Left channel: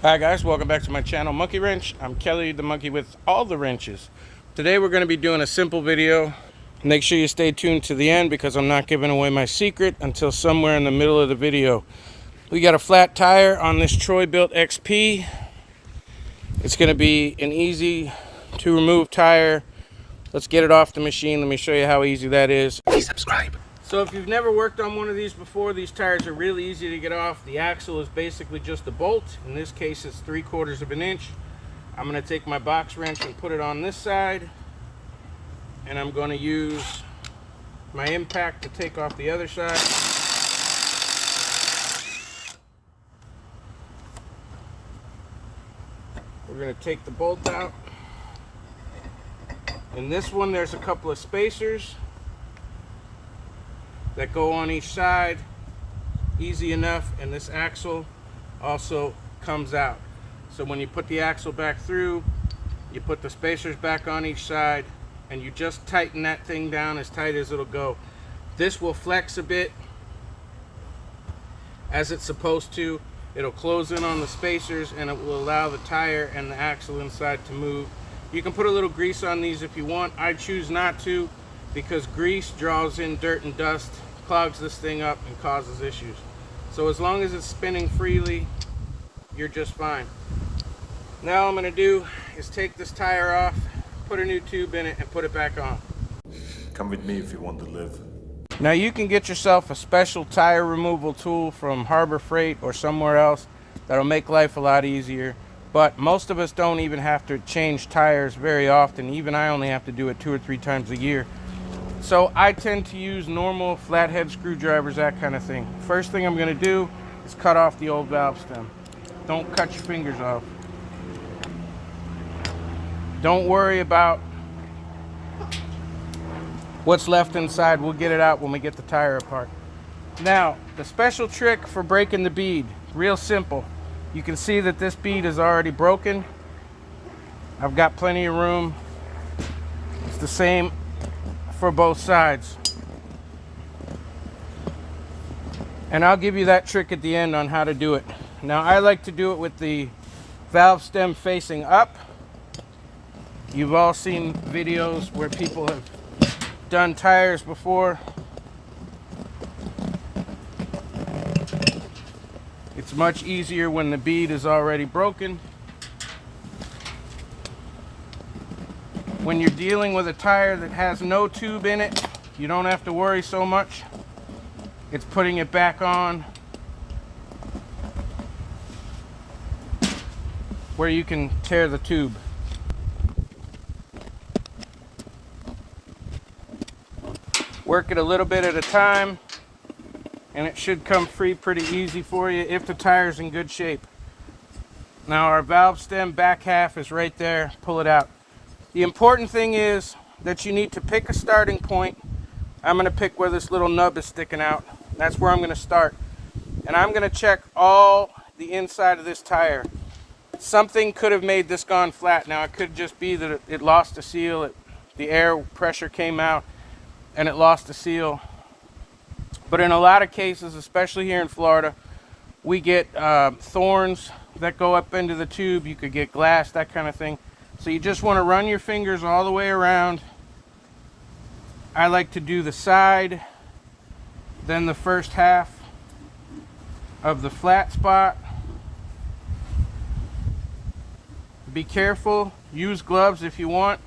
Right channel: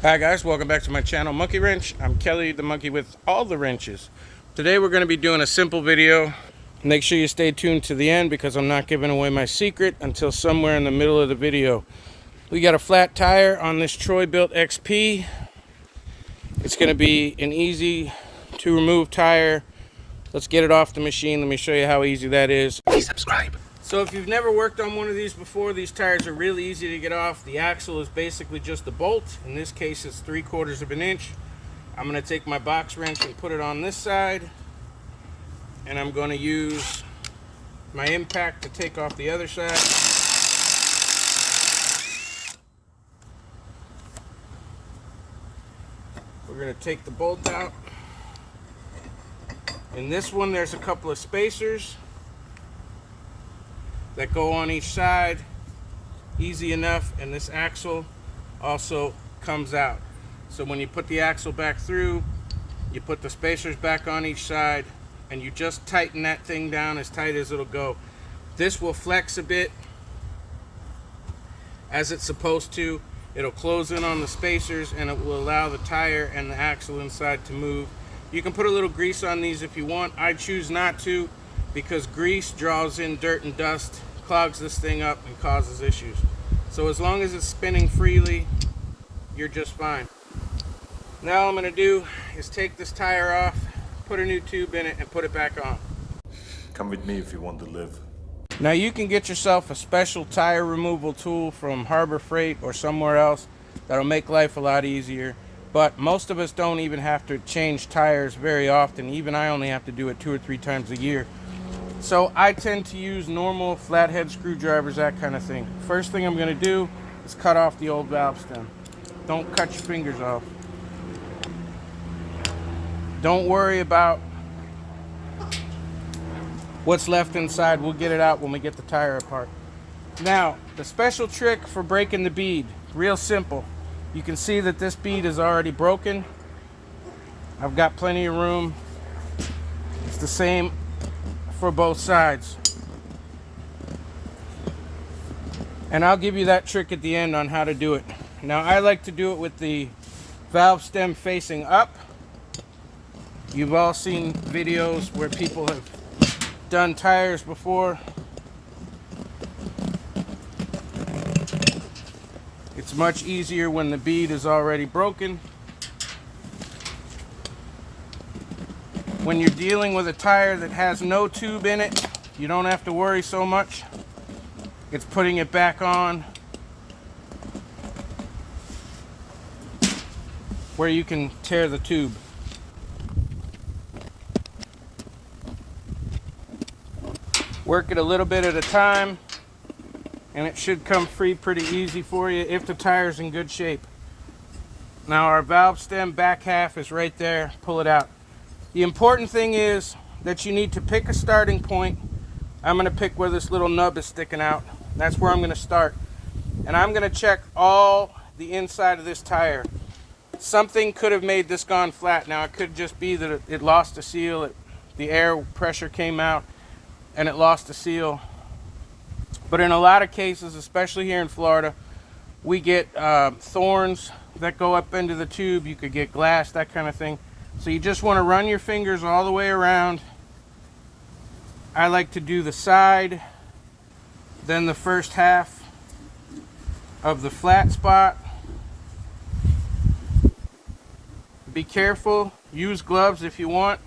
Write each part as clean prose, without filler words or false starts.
Hi guys, welcome back to my channel, Monkey Wrench. I'm Kelly, the monkey with all the wrenches. Today we're going to be doing a simple video. Make sure you stay tuned to the end because I'm not giving away my secret until somewhere in the middle of the video. We got a flat tire on this Troy-Bilt XP. It's going to be an easy to remove tire. Let's get it off the machine. Let me show you how easy that is. Please subscribe. So if you've never worked on one of these before, these tires are really easy to get off. The axle is basically just a bolt. In this case, it's 3/4 of an inch. I'm going to take my box wrench and put it on this side. And I'm going to use my impact to take off the other side. We're going to take the bolt out. In this one, there's a couple of spacers that go on each side, easy enough, and this axle also comes out. So when you put the axle back through, you put the spacers back on each side, and you just tighten that thing down as tight as it'll go. This will flex a bit as it's supposed to. It'll close in on the spacers, and it will allow the tire and the axle inside to move. You can put a little grease on these if you want. I choose not to because grease draws in dirt and dust, clogs this thing up, and causes issues. So as long as it's spinning freely, you're just fine. Now all I'm going to do is take this tire off, put a new tube in it, and put it back on. Come with me if you want to live. Now you can get yourself a special tire removal tool from Harbor Freight or somewhere else that'll make life a lot easier. But most of us don't even have to change tires very often. Even I only have to do it 2 or 3 times a year. So I tend to use normal flathead screwdrivers, that kind of thing. First thing I'm going to do is cut off the old valve stem. Don't cut your fingers off. Don't worry about what's left inside. We'll get it out when we get the tire apart. Now, the special trick for breaking the bead, real simple. You can see that this bead is already broken. I've got plenty of room. It's the same for both sides. And I'll give you that trick at the end on how to do it. Now I like to do it with the valve stem facing up. You've all seen videos where people have done tires before. It's much easier when the bead is already broken. When you're dealing with a tire that has no tube in it, you don't have to worry so much. It's putting it back on where you can tear the tube. Work it a little bit at a time, and it should come free pretty easy for you if the tire's in good shape. Now our valve stem back half is right there. Pull it out. The important thing is that you need to pick a starting point. I'm going to pick where this little nub is sticking out. That's where I'm going to start. And I'm going to check all the inside of this tire. Something could have made this gone flat. Now it could just be that it lost a seal. The air pressure came out and it lost a seal. But in a lot of cases, especially here in Florida, we get thorns that go up into the tube. You could get glass, that kind of thing. So you just want to run your fingers all the way around. I like to do the side, then the first half of the flat spot. Be careful, use gloves if you want,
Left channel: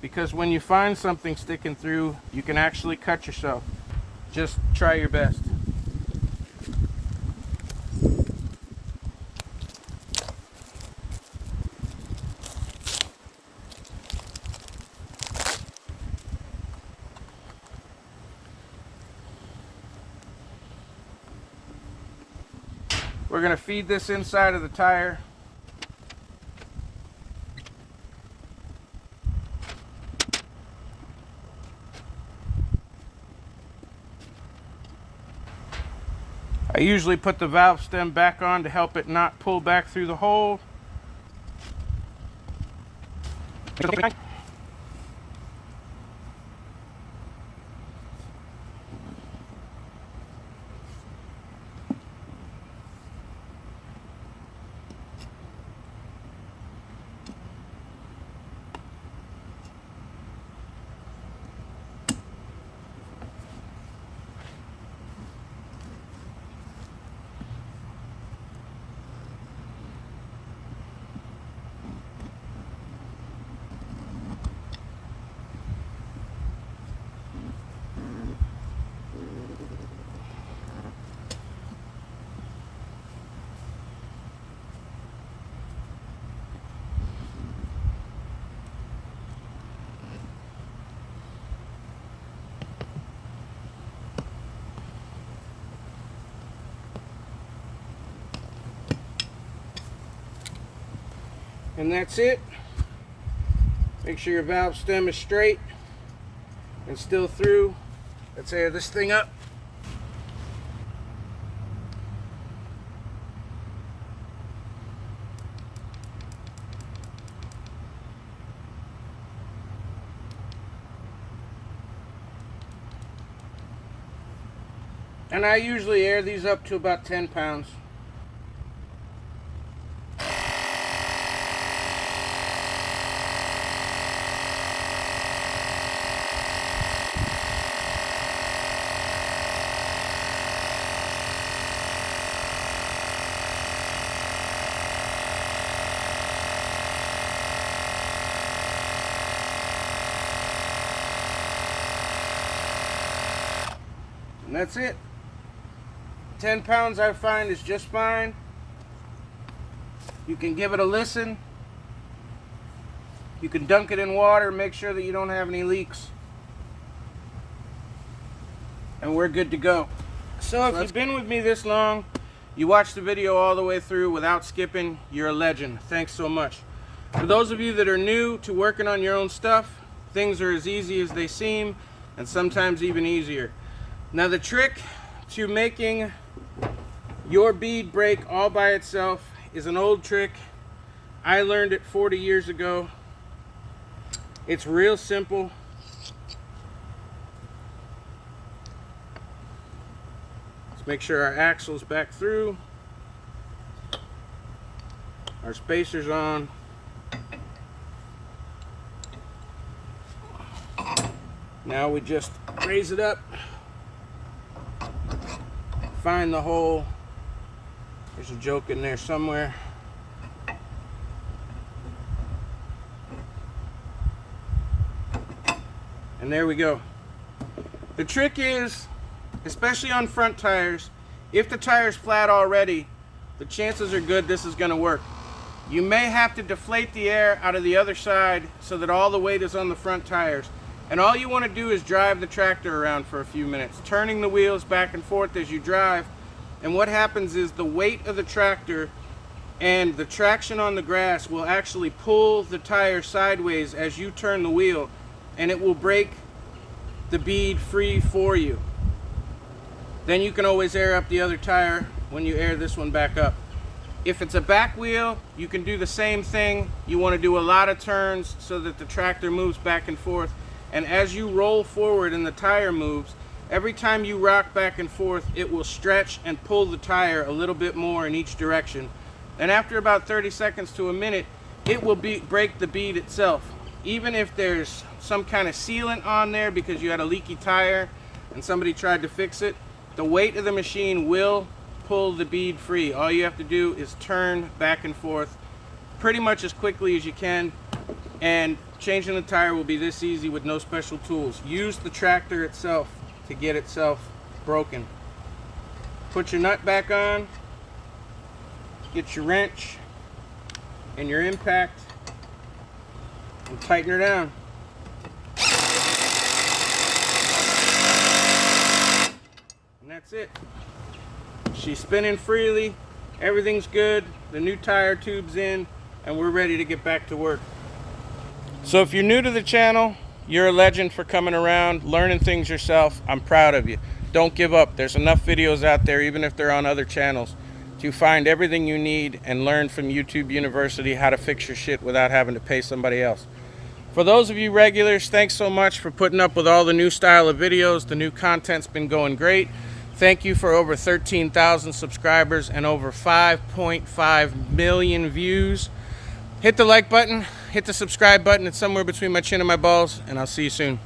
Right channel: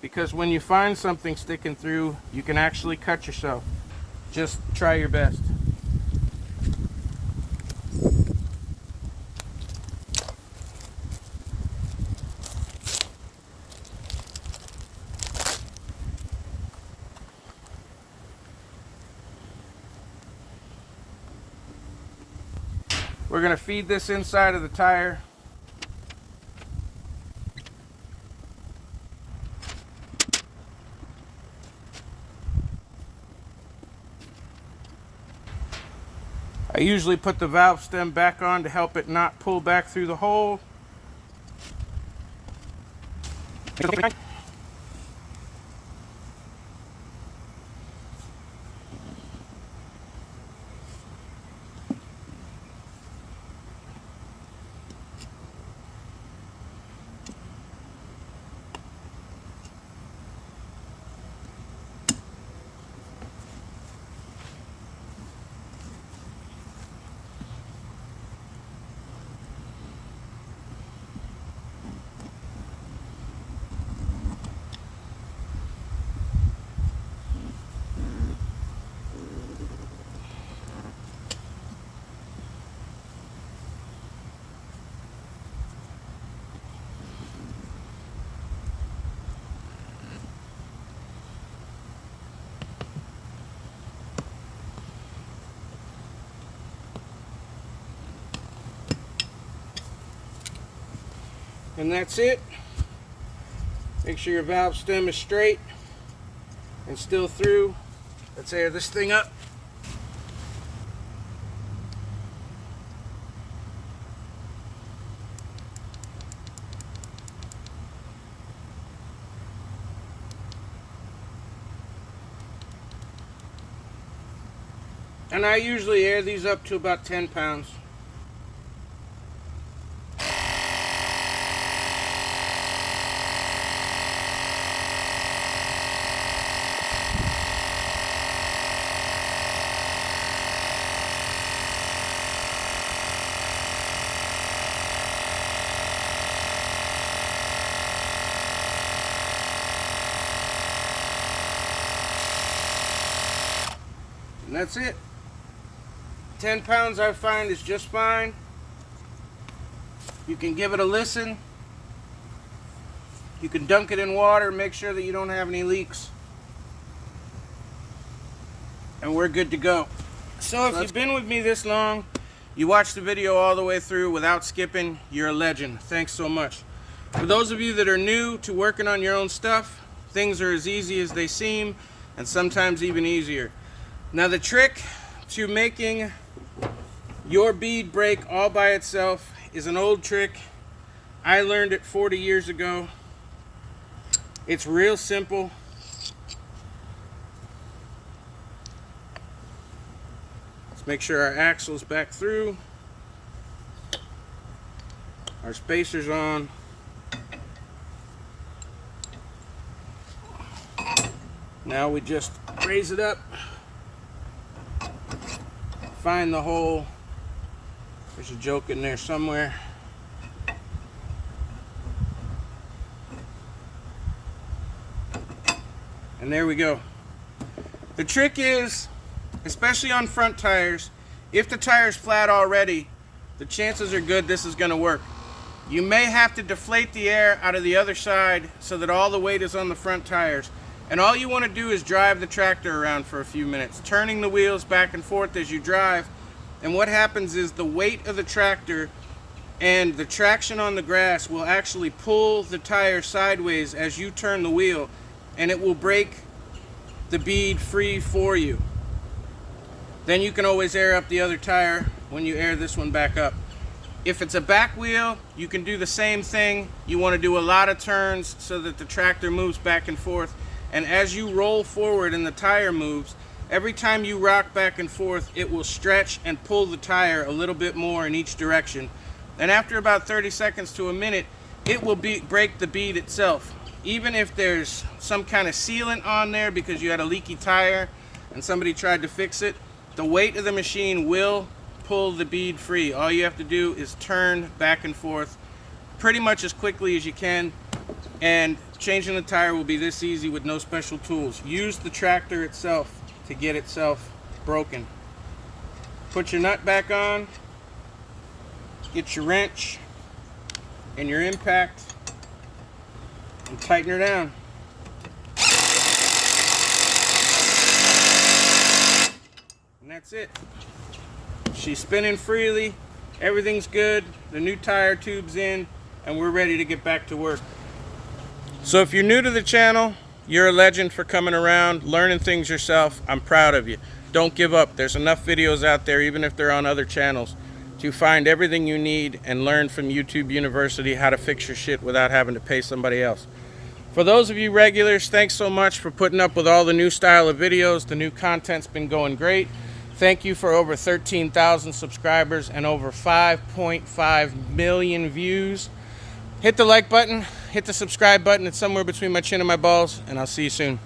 because when you find something sticking through, you can actually cut yourself. Just try your best. We're going to feed this inside of the tire. I usually put the valve stem back on to help it not pull back through the hole. And that's it. Make sure your valve stem is straight and still through. Let's air this thing up. And I usually air these up to about 10 pounds. And that's it. 10 pounds I find is just fine. You can give it a listen. You can dunk it in water, make sure that you don't have any leaks. And we're good to go. So if you've been with me this long, you watched the video all the way through without skipping, you're a legend. Thanks so much. For those of you that are new to working on your own stuff, things are as easy as they seem, and sometimes even easier. Now the trick to making your bead break all by itself is an old trick. I learned it 40 years ago. It's real simple. Let's make sure our axle's back through. Our spacer's on. Now we just raise it up. Find the hole. There's a joke in there somewhere. And there we go. The trick is, especially on front tires, if the tire's flat already, the chances are good this is going to work. You may have to deflate the air out of the other side so that all the weight is on the front tires. And all you want to do is drive the tractor around for a few minutes, turning the wheels back and forth as you drive. And what happens is the weight of the tractor and the traction on the grass will actually pull the tire sideways as you turn the wheel, and it will break the bead free for you. Then you can always air up the other tire when you air this one back up. If it's a back wheel, you can do the same thing. You want to do a lot of turns so that the tractor moves back and forth. And as you roll forward and the tire moves, every time you rock back and forth, it will stretch and pull the tire a little bit more in each direction. And after about 30 seconds to a minute, it will break the bead itself. Even if there's some kind of sealant on there because you had a leaky tire and somebody tried to fix it, the weight of the machine will pull the bead free. All you have to do is turn back and forth pretty much as quickly as you can, and changing the tire will be this easy with no special tools. Use the tractor itself to get itself broken. Put your nut back on, get your wrench and your impact, and tighten her down. And that's it. She's spinning freely, everything's good, the new tire tube's in, and we're ready to get back to work. So if you're new to the channel, you're a legend for coming around, learning things yourself. I'm proud of you. Don't give up. There's enough videos out there, even if they're on other channels, to find everything you need and learn from YouTube University how to fix your shit without having to pay somebody else. For those of you regulars, thanks so much for putting up with all the new style of videos. The new content's been going great. Thank you for over 13,000 subscribers and over 5.5 million views. Hit the like button, hit the subscribe button. It's somewhere between my chin and my balls, and I'll see you soon.